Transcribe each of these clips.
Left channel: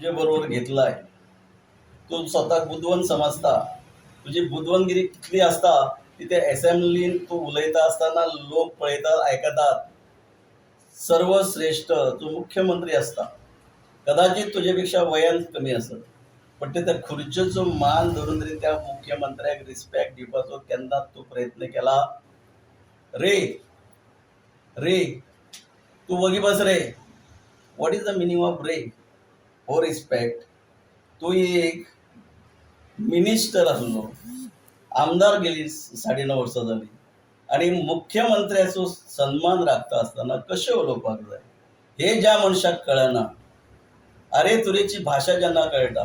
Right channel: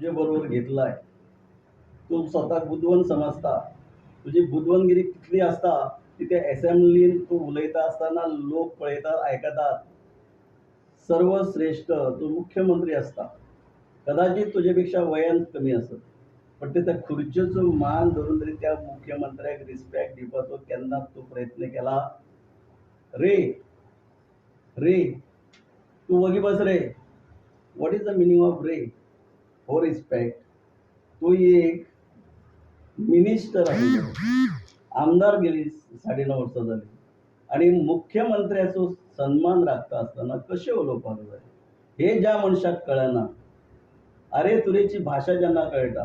तुझे बरोबर घेतलाय, तू स्वतः बुदवंत समजता, तुझी बुदवंतगिरी कितली असता की ते असेंब्लीन तू उलयता असताना लोक पळयतात आयकतात. सर्वश्रेष्ठ तू मुख्यमंत्री असता, कदाचित तुझ्यापेक्षा वयान कमी असत, पण त्या खुर्चेचो मान धरून तरी त्या मुख्यमंत्र्याक रिस्पेक्ट दिवपाचो केन्ना तू प्रयत्न केला? रे रे तू वगी बस रे. What is the meaning of रे हो रिस्पेक्ट? तू एक मिनिस्टर आसलो, आमदार गेली 9.5 वर्सां जाली आणि मुख्यमंत्र्याचो सन्मान राखता असताना कशें उलोवपाक जाय हे ज्या मनशाक कळना. अरे तुरेची भाषा जेन्ना कळटा,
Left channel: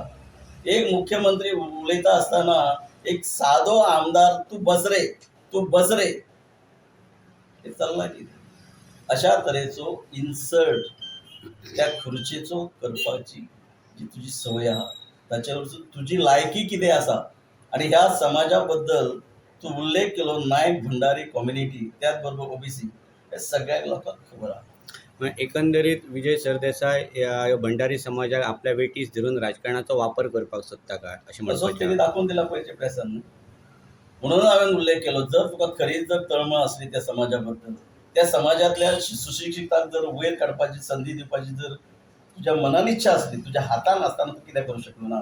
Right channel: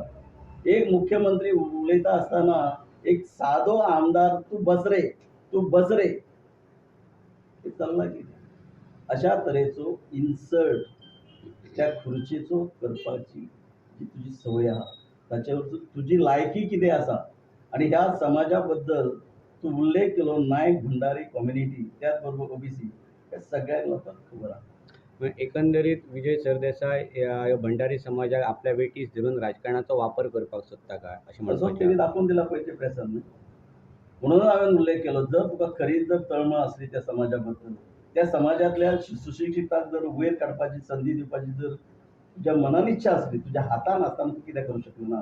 एक मुख्यमंत्री उलयता असताना एक सादो आमदार तू बस रे, तू बस रे, हे चल्ला कितें? अशा तरेचो इन्सल्ट त्या खुर्चेचो करपाची जी तुजी संवय आहा ताचे वरसून तुजी लायकी कितें आसा आणि ह्या समाजा बद्दल तू उल्लेख केलो नायक भंडारी कम्युनिटी त्याच बरोबर ओबीसी हे सगळ्या लोकांक खबर आहा. एकंदरीत विजय सरदेसाय या भंडारी समाजाक आपल्या वेटीस धरून राजकारणाचो वापर करपाक सोदता काय अशें तसोच म्हणपाचें त्यांनी दाखवून दिला पयलीं प्रेसान न्हू. म्हणून हांवें उल्लेख केलो, जर तुका खरीच जर तळमळ असली त्या समाजा बद्दल, त्या समाजातल्या सुशिक्षितांक जर वयर काडपाची संधी दिवपाची जर तुज्या मनान इच्छा असली, तुज्या हातान आसतना तूं कितें करूं शकलो ना?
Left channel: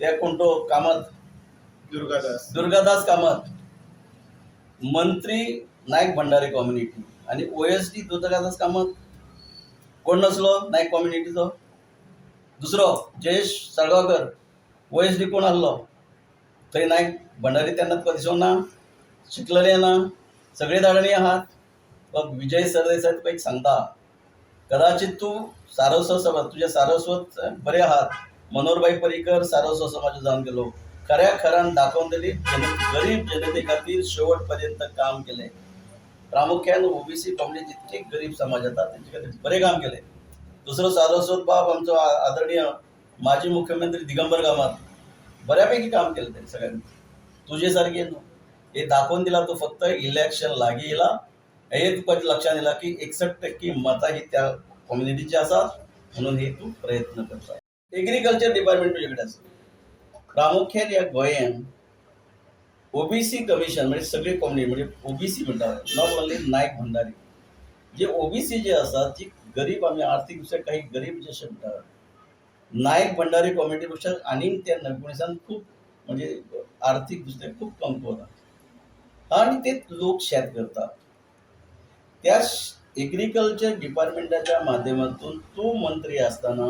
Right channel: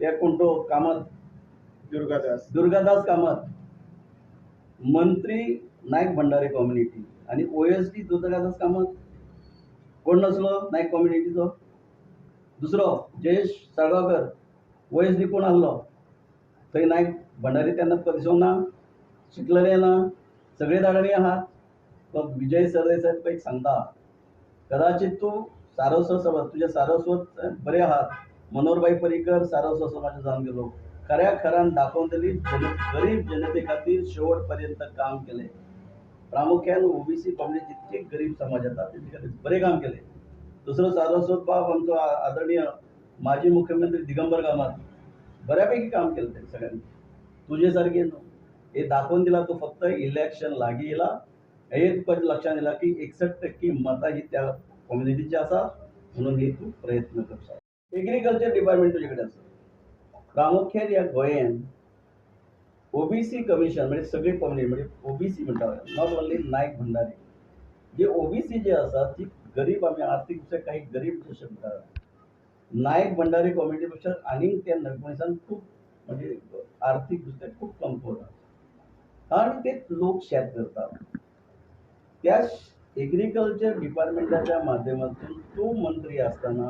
ते कोण तो कामत दुर्गादास कामत मंत्री नायक भंडारी कम्युनिटी आणि ओएसडी दुर्गादास कामत कोण नसलो नायक कम्युनिटीचो? दुसरो जयेश साळगांवकर ओएसडी कोण आसलो? थंय नायक भंडारी तेन्ना तुका दिसूंक ना? शिकलेले ना? सगळे दाडणी आहात. तो विजय सरदेसाय तुका एक सांगता, कदाचित तूं सारस्वत समाज तुझे सारस्वत बरे आहात. मनोहरभाई पर्रीकर सारस्वत समाज जावन गेलो, खऱ्या खऱ्यान दाखोवन दिली गरीब जनते खातीर शेवट पर्यंत काम केले. प्रामुख्यान ओबीसी कम्युनिटी जितके गरीब समाज येतात त्यांचे खातीर बरे काम केले. दुसरो सारस्वत बाब आमचो आदरणीय माजी मुख्यमंत्री दिगंबर कामत बऱ्यापैकी काम केलं त्यांनी सगळ्यांनी. तुझे सारखे न्हू. हे दाखवून दिला तो फक्त इलेक्शन लागीं येयला हे तुका लक्षात येयला की 61% मतां ही त्या कम्युनिटीची आसात म्हणून हे तू प्रयत्न करता. एग्रीकल्चर डिपार्टमेंट तुजे कडेन आसा. प्रामुख्यान या गोंयान ओबीसी कमिशन म्हणजे सगळे कम्युनिटी म्हणजे ओबीसी म्हणटात, नॉट ओन्ली नायक भंडारी, जे ओबीसी जे आसात ती गरीब आमी आर्थीक दृश्ट्या काही गरीब जशे म्हणटात, नायक भंडारी कम्युनिटी पेक्षा आनीक त्या नवमणीसान खूप म्हणजे आर्थीक दृश्ट्या खूप कमकुवत आहा आणि ते लोक शेत करतात. त्या एग्रीकल्चर डिपार्टमेंटाच्या माध्यमातून तू मंत्री असताना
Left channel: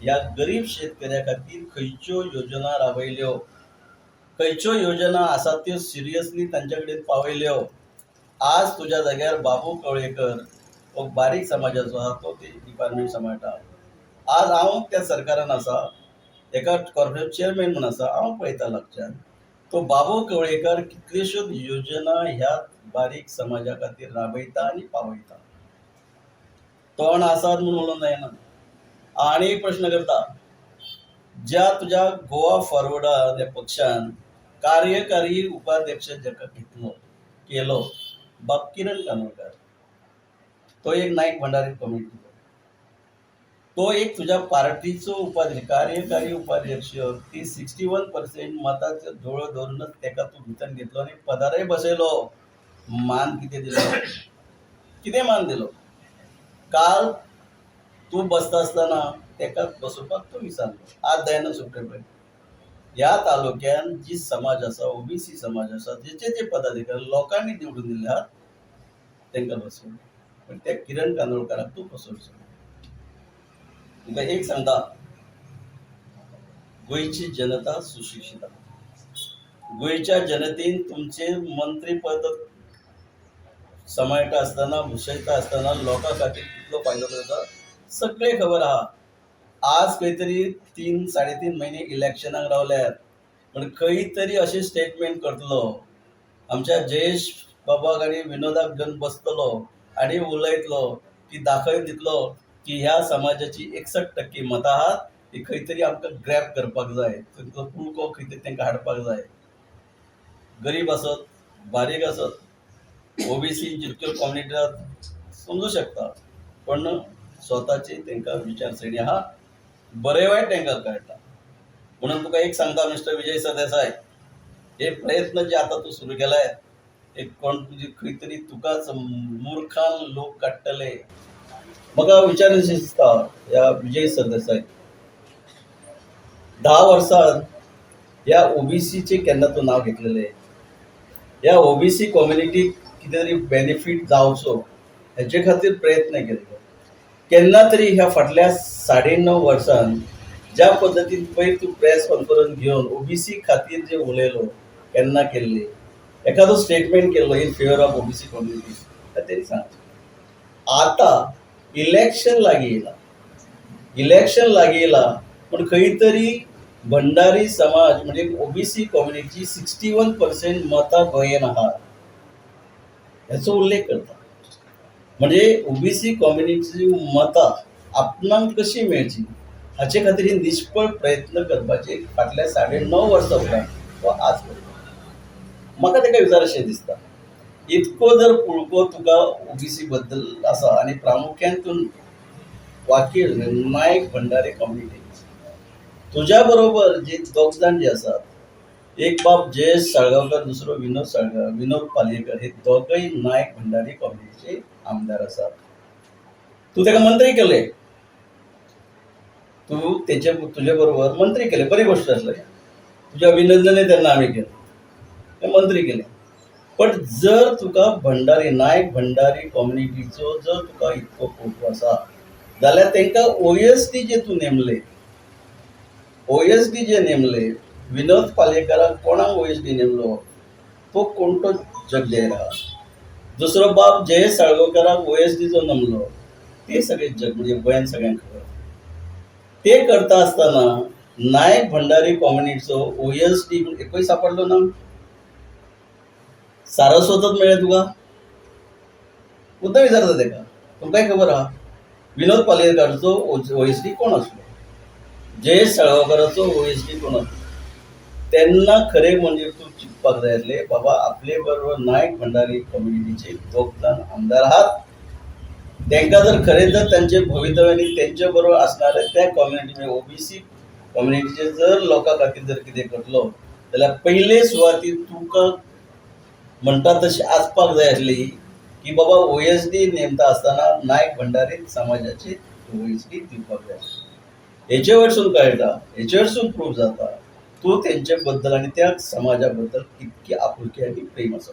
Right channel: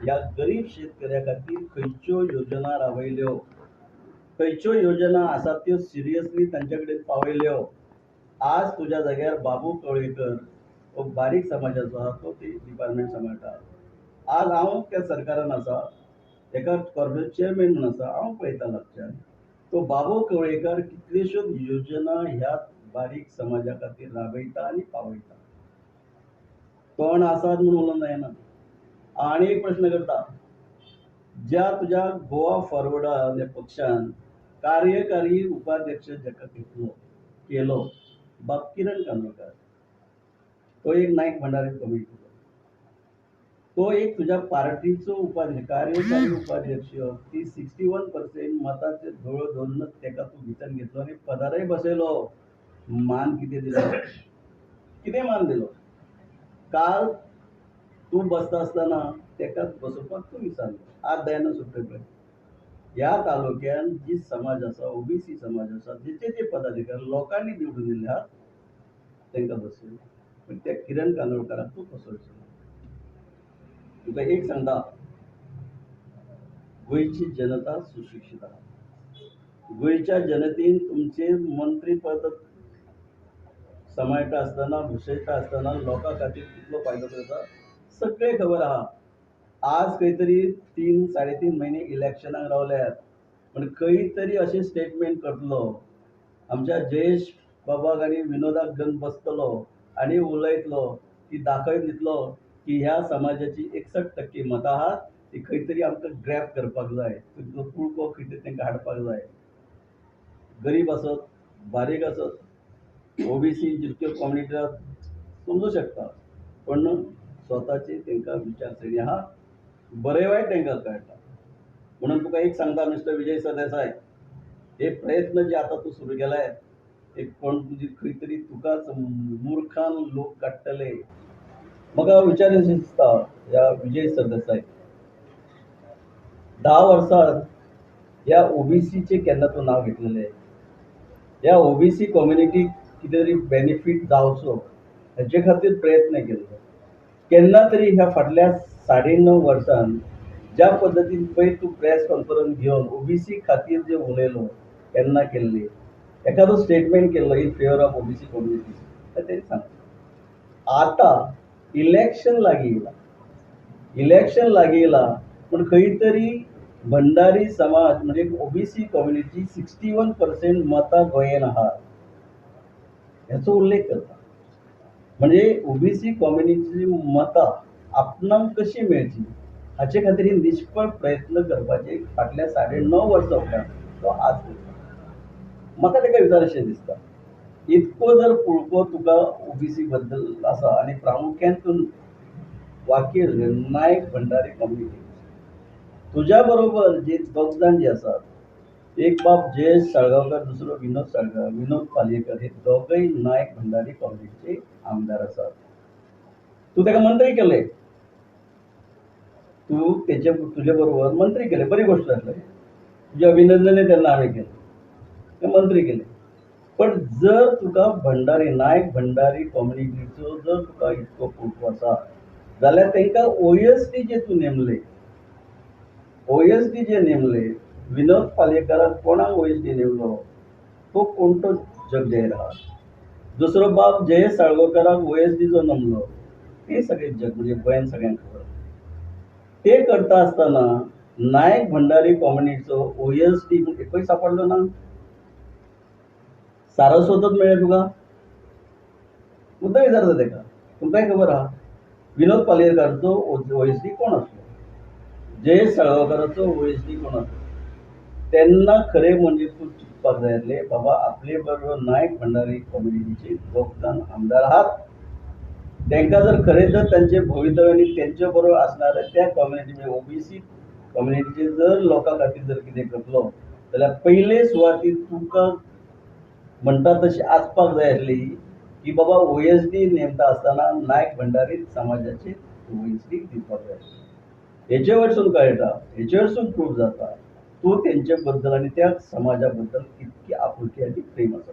या गरीब शेतकऱ्या खातीर खंयच्यो योजना राबयल्यो, खंयच्यो योजना आसात त्यो सिरियसली तांचे कडेन पावयल्यो? आज तुज्या जाग्यार बाबू कवळेकर हो बारीक समाजाचो आहा, तो ते डिपार्टमेंट सांबाळटा. आज हांव त्या सरकारान आसा, एका कॉर्पोरेट चेअरमॅन म्हणून आसा, हांव पळयता लागच्यान तो बाबू कवळेकर कितल्योश्योच योजना ह्या बारीक समाजा खातीर राबयता आणि पावयता. तोंड आसात म्हणून उलोवंक जायना. आनी एक प्रश्न करता, ज्या तुज्या गोवा फॉरवर्डा ह्या पक्षान कार्यकारी उपाध्यक्ष जाका केलो बाब किरण कानोडकर, तो एक नायक भंडारी कम्युनिटीचो, तो एक तुझ्या पार्टीचो उपाध्यक्ष कार्यकारी उपाध्यक्ष, ती 61% मताचे दोळ धरूनच तेका तू भितर घेतलो आणि पदारय बसयलो. मान कितें दिलो? कितें मान दिलो? काल तू बसता असताना तेका बसोवपाक तू विचारलो, आज दयानंद सुप्टे पळय ह्या तालुक्यान जी समाज आसा, ओबीसी समाज आसा, जे पदाधिकारी लोकांनी निवडून दिले आहात तांकां बसयलो, पण त्या किरण कानोडकराक तू बसोवचो. तुका एक सांगता, गोंयची जनता सुशिक्षीत आहा. गोंयच्या जनतेन तुमचे मंत्री पद सांबाळटा आसतना भुशयता आसतना लोकां खातीर कितलो फायदो करता सगळे खबर आहा. आज खंय तरी 3-3.5 महिने इलेक्शनाक रावल्यात, पण खंय तरी अशें स्टेटमेंट करतलो, आमच्या जयेश बाबाक आनी विनोदाक घेवन बसतलो आनी उलयतलो की दाखोवन दितलो की ह्या समाजाची 61% मतां आहात, ती खंय तरी आमकां ग्रॅब करपाक जाय, तुमचो कुळको खंय तरी तांकां हाडपाक जाय. गरीब आसत, बारीक आसत, ओबीसी जितक्यो कम्युनिटी आहात समजू शकता, पण स्वताची तांकां विचारसरणी आहा बरे वाईट तांकां कळटा. म्हणून तुका एक सांगता मिस्टर विजय सरदेसाय, हे प्रयत्न जे आता तू सुरू केलाय, एक कोण तुजी खंय तरी तुकाच मुर्खान लोक काडटले. म्हाका विचारूंक दिसता ह्या विजय सरदेसाय, 10 वर्सां या ओबीसीचे केन्ना तूं नाव घेतलेलें? या ओबीसी कम्युनिटीक कितें तरी बेनिफीट जावचो हेचे खातीर प्रयत्न केल्लो. केन्ना तरी ह्या फाटल्या 9.5 वर्सां ज्या पद्दतीन पयर तूं प्रेस कॉन्फरन्स घेवन ओबीसी खातीर जे उलयलो, केन्ना केल्ली, एखादो स्टेटमेंट केल्लो in favour of OBC community, तें तरी सांग. आतां इलेक्शन लागीं येयला पूण खंय तरी भंडारी समाज म्हणजे ओबीसी कम्युनिटी 61% मतां गोंयान आहात हेचो उल्लेख करता. म्हणजे ओबीसी कम्युनिटीची मतां आपणाक कशी मेळची हाचे खातीर निश्फळ प्रयत्न करपाचे फाटल्या 9.5 वर्सां उपरांत तो आज करता. म्हाका ताका विचारशें दिसता, इतको जर पुळको तुका ओबीसी बद्दल आसा आनी प्रामुख्यान तूं वाकील नायक भंडारी कम्युनिटी, तुज्या बरोबर जे दोग जाण जे आसात, एक बाब जयेश साळगांवकर, दुसरो विनोद पालयेकर, हे दोगय नायक भंडारी कम्युनिटीचे आमदार आसात. तूं ताका मंत्री केले, तूं तुजे बरोबर मंत्री केले, बरी गोश्ट आसली. तुजें अभिनंदनूय तेन्ना आमी केलें, तें मंत्री केलें. पण जर तुका भंडारी नायक भंडारी कम्युनिटीचो जर तुका इतको पुळको आसा जाल्यार तांकां ओएसडी जे तूं नेमले, ओएसडी जे नेमले, विनोद पालयेकराक कोणाक ओएसडी नेमलो, तो कोणतो जग जाहीर आहा. दुसरो बाब जयेश साळगांवकराक ओएसडी जो नेमलो, ते सगळे जग म्हणजे गोंयान सगळ्यांक खबर. ते करता आसतना नायक भंडारी कम्युनिटीचो ओएसडी एकूय सापडलो ना. सारस्वतच मेळ्ळें तुका? मुद्दाम विचारता ताका, तुमकांय खबर आहा विनोद पालयेकराचो ओएसडी कोण आसलो, जयेश साळगांवकराचो ओएसडी कोण आसलो. तेन्ना खरें म्हणजे तूं चिंतपाक जाय आसलें, बाबा आपले बरोबर नायक भंडारी कम्युनिटीचे दोग जाण आमदार आहात, तांकां जर खरें जर तांचे भवितव्यानी तेंचे बरोबर असणारे त्या कम्युनिटी म्हणजे ओबीसी कम्युनिटीचे जर लोकां खातीर जर कितें करतलो जाल्यार पयले सुवातेर तुका म्हणटा तशी आसपाक जाय आसली की बाबा ओएसडी नेमता आसतना नायक भंडारी समाजाची ओएसडी दिवपाक जाय आसली. हेचे वयरसून कळटा, हेचे वयरसून प्रूफ जाता तूं तेंचे बद्दल आनी त्या समाजा बद्दल कितकी आपुलकी आनी प्रेम आसा.